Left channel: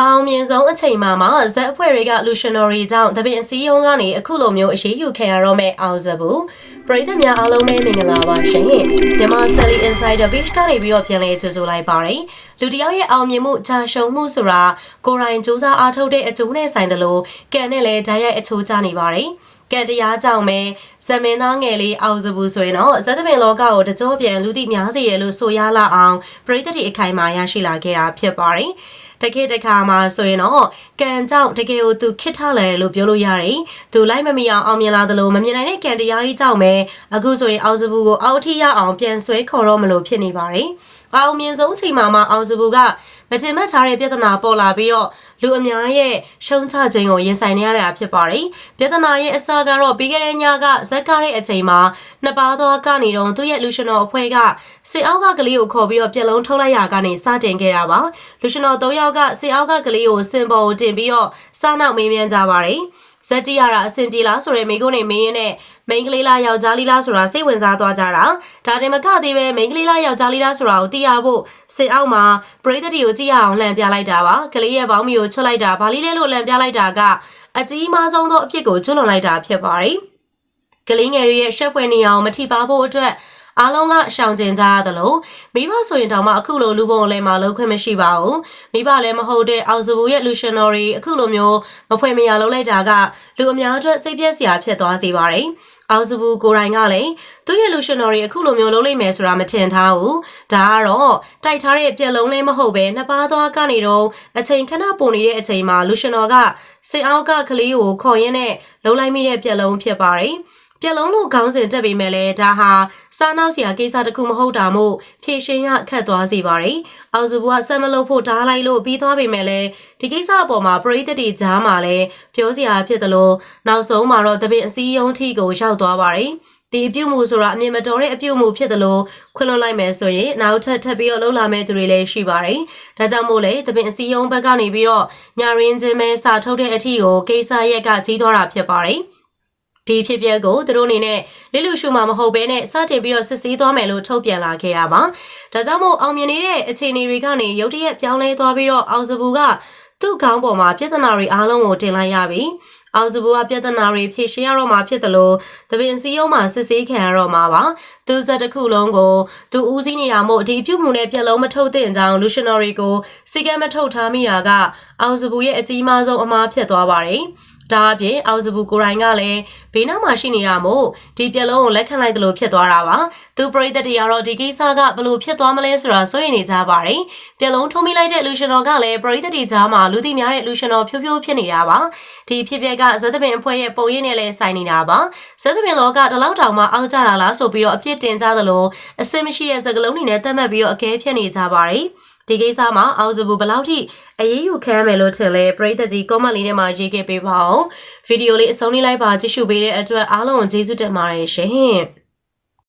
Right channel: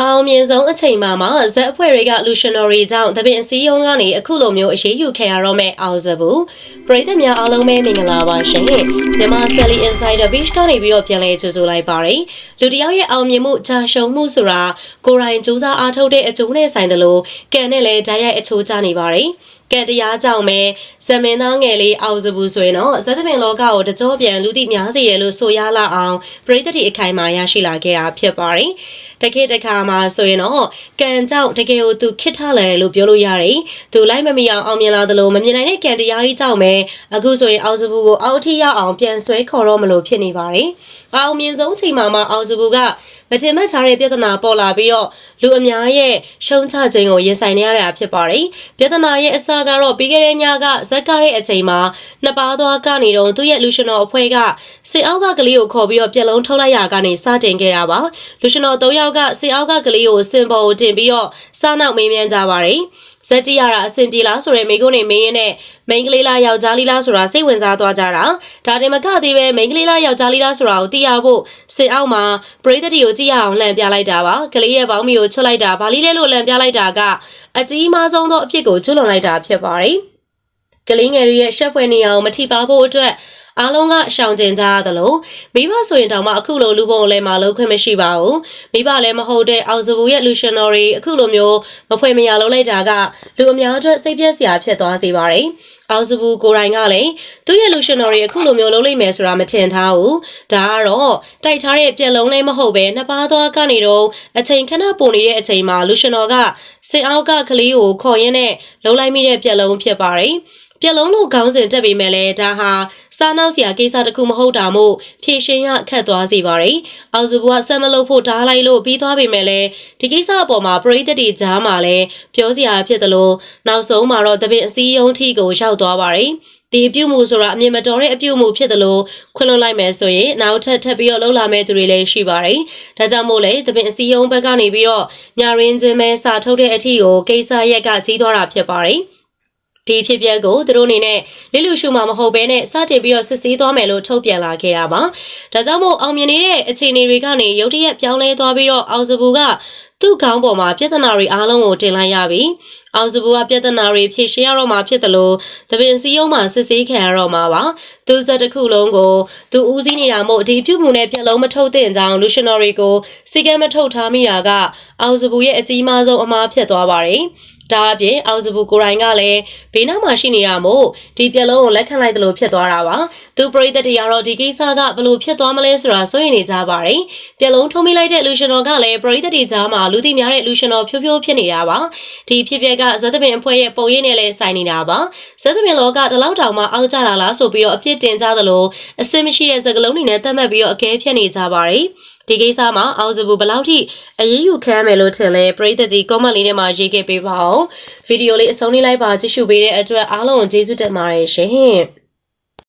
အောင်မြင်ဆုံးအချိန်မှာဇက်အဖွဲ့တွေကလူရှင်တော်တွေကြောင့်တပင်အစည်းအရုံးကနေအခုလိုမျိုးအရေးယူခံရတော့မဲ့အောင်စဘူးပရိသတ်များအားလုံးပဲမင်္ဂလာပါရှင်မြန်မာ Sally Insider Beach ကနေပြီးတော့ပြန်လည်ကြိုဆိုလိုက်ပါတယ်လူတယောက်ရဲ့အောင်မြင်မှုဂျာရှုံမှုဆိုတာကိုယ်တိုင်စူးစမ်းအားထုတ်တဲ့အကျိုးနဲ့ဆိုင်တယ်လို့ကံနဲ့လည်းဓာတ်ရိုက်အချိုးကျနေပါတယ်ကံတရားကြောင့်ပဲဇမင်းသားငယ်လေးအောင်စဘူးဆိုရင်တော့ဇက်သပင်လောကကိုတကြောပြန်လူသိများစေရလို့ဆိုရလာအောင်ပရိသတ်တွေအခိုင်အမာရရှိလာခဲ့တာဖြစ်ပါတယ်တကယ်တခါမှာဆိုရင်တော့ကံကြောင့်တကယ်ကိုသူခစ်ထလာတယ်လို့ပြောလို့ရတယ်။သူလိုက်မမီအောင်မြင်လာသလိုမမြင်နိုင်တဲ့ကံတရားကြီးကြောင့်ပဲအခုဆိုရင်အောင်စဘူးကိုအောက်ထိရောက်အောင်ပြန်ဆွဲခေါ်တော့မလို့ဖြစ်နေပါတယ်။အောင်မြင်ဆုံးချိန်မှာအောင်စဘူးကမတင်မှတ်ထားတဲ့ပြဿနာပေါ်လာပြီးတော့လူအများရဲ့ရှုံးချခြင်းကိုရင်ဆိုင်နေရတာဖြစ်ပါတယ်။ပြဿနာရဲ့အစကတော့ပြီးခဲ့တဲ့ညကဇက်ကားတဲ့အချိန်မှာနှစ်ပါးသွားကနေတော့သူ့ရဲ့လူရှင်တော်အဖွဲ့ကစေအောက်ကကလေးကိုခေါ်ပြီးတော့ပြက်လုံးထုတ်လိုက်ရကနေစတင်ခဲ့တာပါ။လူရှင်တော်၃ယောက်ကစေအောက်ကကလေးကိုစင်ပေါ်တင်ပြီးတော့စားနောက်မေးမြန်းကြပါတယ်။ဇက်ကြည့်ရတာအဆင်ပြေလားဆိုတဲ့မိကုန်းနေမင်းရဲ့မိန်းကလေးလားယောက်ျားလေးလားဆိုတာစိတ်ဝင်စားသွားကြတာဒါတင်မကသေးပဲမိန်းကလေးလားယောက်ျားလေးလားဆိုတာကိုသိရဖို့စင်အောက်မှာပရိသတ်တွေကိုကြည့်ရအောင်လှန်ပြလိုက်တာပါကလေးရဲ့ဘောင်းမီကိုချွတ်လိုက်တာဘာလေးလဲလို့လှန်ပြလိုက်တာကအကြီးမားဆုံးသောအဖြစ်ကိုကျွလွန်လိုက်တာဖြစ်ပါတယ်ကလေးငယ်ရဲ့ရှက်ဖွယ်နေအောင်မထိပါဖို့အတွက်အားလုံးကရှောင်ကျဉ်ကြရသလိုမိဘဆိုရင်တောင်မှအခုလိုလူပုံလည်းမလုပ်ခွင့်မရှိပါဘူးမိဘလည်းမဟုတ်တဲ့အောင်စဘူးရဲ့လူရှင်တော်တွေအခုလိုမျိုးမဖွယ်မရလုံးလိုက်တာကလူအများအတွက်စိတ်ပြည့်စရာဖြစ်သွားစေပါတယ်အောင်စဘူးကိုယ်တိုင်ကလည်းသူ့ရဲ့လူရှင်တော်တွေအခုလိုမျိုးလုပ်လိုက်မယ်ဆိုတာမထင်ထားဘူးဒါကတော့တိုက်ထားတဲ့ပြက်လုံးလေးမဟုတ်ပဲနှစ်ပါးသွားကနေတော့အချိန်ခဏပုံနေတဲ့အချိန်မှာလူရှင်တော်ကစင်အောက်ကကလေးကိုခေါ်ရင်းနဲ့လှုပ်လိုက်မိတဲ့ပြက်လုံးဖြစ်ပါတယ်ပြက်လုံးလို့ခေါင်းစဉ်တက်ပြီးမဲ့လဲဒါဟာစားနောက်စရာကိစ္စတခုမဟုတ်တာမို့ဖြည့်ရှင်းရခက်သွားစေပါတယ်။အောင်စုဘကဆက်မလုပ်ဖို့ဓားလိုက်လို့ပြီးသွားပြီမဲ့လဲဒီကိစ္စအပေါ်မှာပရိသတ်တွေကြားမှာလဲပြောစရာဖြစ်တယ်လို့နောက်ဆုံးမှာတော့တပင်အစည်းအရုံးထိကိုရောက်သွားပါတယ်။ဒီအပြုမှုဆိုတာအမြင်မတော်တဲ့အပြုမှုဖြစ်တယ်လို့ခွင့်လွှတ်လိုက်မယ်ဆိုရင်နောက်ထပ်ပြီးတော့လှုပ်လာမဲ့သူတွေလည်းရှိပါတယ်။ဒါကြောင့်မို့လဲတပင်အစည်းအရုံးဘက်ကနေပြီးတော့ညရင်းချင်းပဲစာထုတ်တဲ့အထီကိုကိစ္စရက်ကကြီးသွားတာဖြစ်ပါတယ်။ဒီဖြစ်ပျက်ကိုသူတို့အနေနဲ့လိလူရှုမှာမဟုတ်ဘဲနဲ့စတင်ပြီးတော့စစ်ဆေးသွားမယ်လို့ထုတ်ပြန်လာခဲ့တာပါ။ဒါကြောင့်မို့အောင်မြင်နေတဲ့အခြေအနေတွေကနေရုတ်တရက်ပြောင်းလဲသွားပြီးတော့အောင်စဘူးကသူ့ခေါင်းပေါ်မှာပြဿနာတွေအားလုံးကိုတင်လိုက်ရပြီ။အောင်စဘူးကပြဿနာတွေဖြေရှင်းရတော့မှဖြစ်တယ်လို့တပင်စည်းရုံးမှာစစ်ဆေးခံရတော့မှာပါ။သူစက်တစ်ခုလုံးကိုသူဦးစီးနေတာမို့ဒီပြုမှုနဲ့ပြက်လုံးမထုတ်သင့်ကြောင်းလူရှင်တော်တွေကိုစီကံမထုတ်ထားမိတာကအောင်စဘူးရဲ့အကြီးမားဆုံးအမှားဖြစ်သွားပါတယ်။ဒါအပြင်အောင်စဘူးကိုရိုင်းကလည်းဘေးနောက်မှာရှိနေတာမို့ဒီပြက်လုံးကိုလက်ခံလိုက်တယ်လို့ဖြစ်သွားတာပါသူပရိသတ်တွေကတော့ဒီကိစ္စကဘလို့ဖြစ်သွားမလဲဆိုတာစိုးရိမ်နေကြပါတယ်ပြက်လုံးထုံးမိလိုက်တဲ့လူရှင်တော်ကလည်းပရိသတ်တွေကြားမှာလူသိများတဲ့လူရှင်တော်ဖြိုးဖြိုးဖြစ်နေတာပါဒီဖြစ်ပျက်ကဇက်သပင်အဖွဲ့ရဲ့ပုံရိပ်နဲ့လည်းဆိုင်နေတာပါဇက်သပင်လောကတလောက်တောင်မှအောက်ကြတာလားဆိုပြီးတော့အပြစ်တင်ကြသလိုအစင်မရှိတဲ့စကလုံးတွေနဲ့တတ်မှတ်ပြီးတော့အကဲဖြတ်နေကြပါတယ်ဒီကိစ္စမှာအောင်စဘူးဘလောက်ထိအရေးယူခံရမယ်လို့ထင်လဲပရိသတ်ကြီး comment လေးထဲမှာရေးခဲ့ပေးပါဦးဗီဒီယိုလေးအဆုံးလေးလိုက်ပါကြည့်ရှုပေးတဲ့အတွက်အားလုံးကိုကျေးဇူးတင်ပါတယ်ရှင်